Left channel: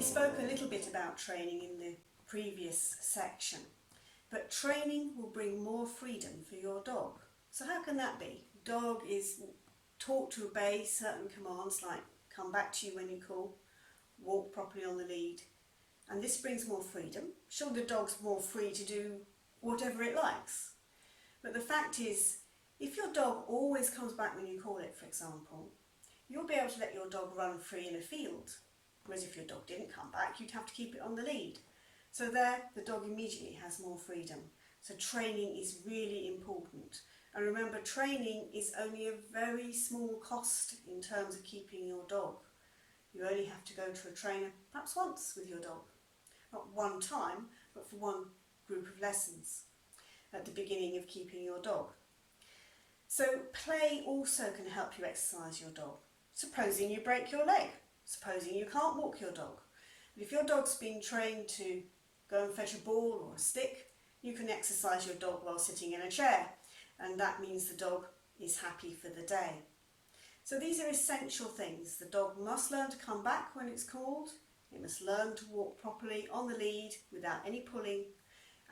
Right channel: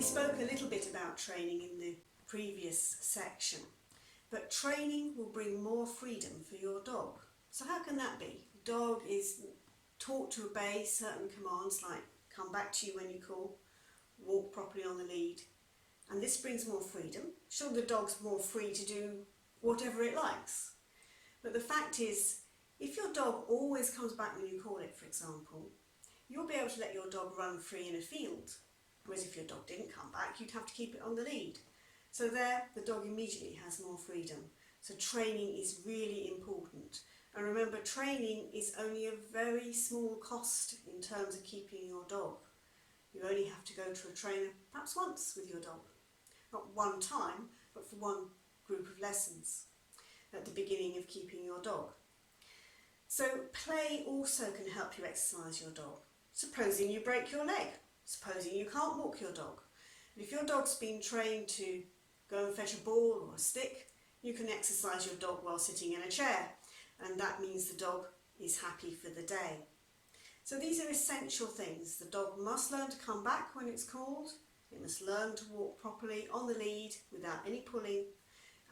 We spoke a little bit about training in the previous section, but training will bring more freedom for your dog. So how can that be? Dog is taught to obey certain commands like come back to you when you call, walk properly on the lead, and this brings more freedom. Sure, the dog's more free to do whatever it likes, but the fact is, if your dog always comes back when you call it, for example, you'll be able to let your dog run free in a field, whereas if your dog didn't come back, you'd have to keep it on the lead. So there, the dog immediately has more freedom. So training is really important. And remember, training is only a very small cost in terms of keeping your dog. You only have to go to a trainer perhaps once with your dog. Not one time, but for one group of lessons at the beginning of keeping your dog. So play also can help you exercise your dog. Supposing you break your leg, supposing you can't walk your dog. But if your dog's been trained to go and fetch a ball or a stick, you can exercise your dog while sitting in a chair, and that means the dog is happy for the day. So these are essential things. The dog must learn to come back when it's called, it must learn to walk properly on the lead without any pulling,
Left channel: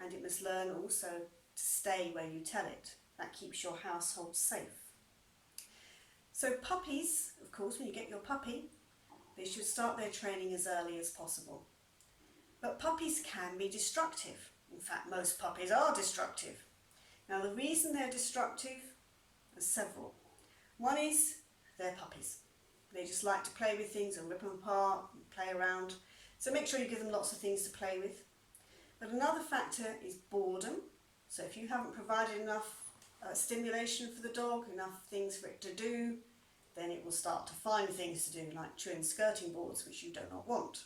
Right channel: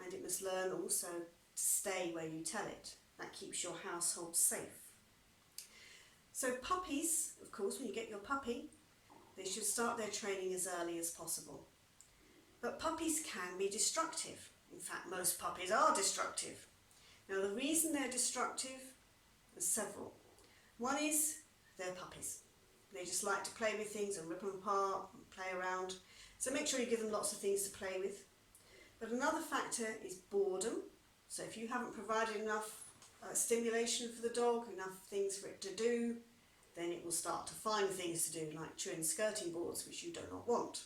and it must learn also to stay where you tell it. That keeps your household safe. So puppies, of course, when you get your puppy, they should start their training as early as possible. But puppies can be destructive. In fact, most puppies are destructive. Now, the reason they're destructive are several. One is they're puppies. They just like to play with things and rip them apart and play around. So make sure you give them lots of things to play with. But another factor is boredom. So if you haven't provided enough stimulation for the dog, enough things for it to do, then it will start to find things to do, like chewing skirting boards, which you do not want.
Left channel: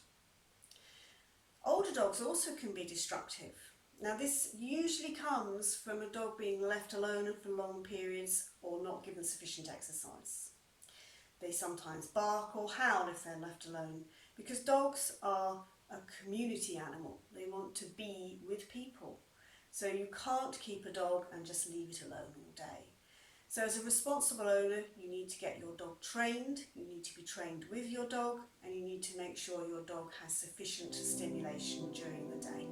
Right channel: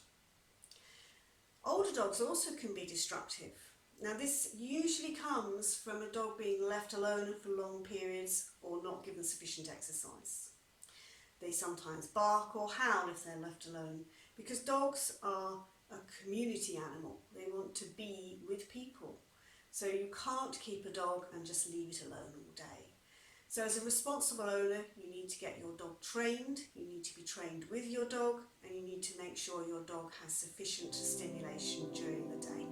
Older dogs also can be destructive. Now, this usually comes from a dog being left alone for long periods or not given sufficient exercise. They sometimes bark or howl if they're left alone, because dogs are a community animal. They want to be with people. So you can't keep a dog and just leave it alone all day. So as a responsible owner, you need to get your dog trained, you need to be trained with your dog, and you need to make sure your dog has sufficient stimulation during the day.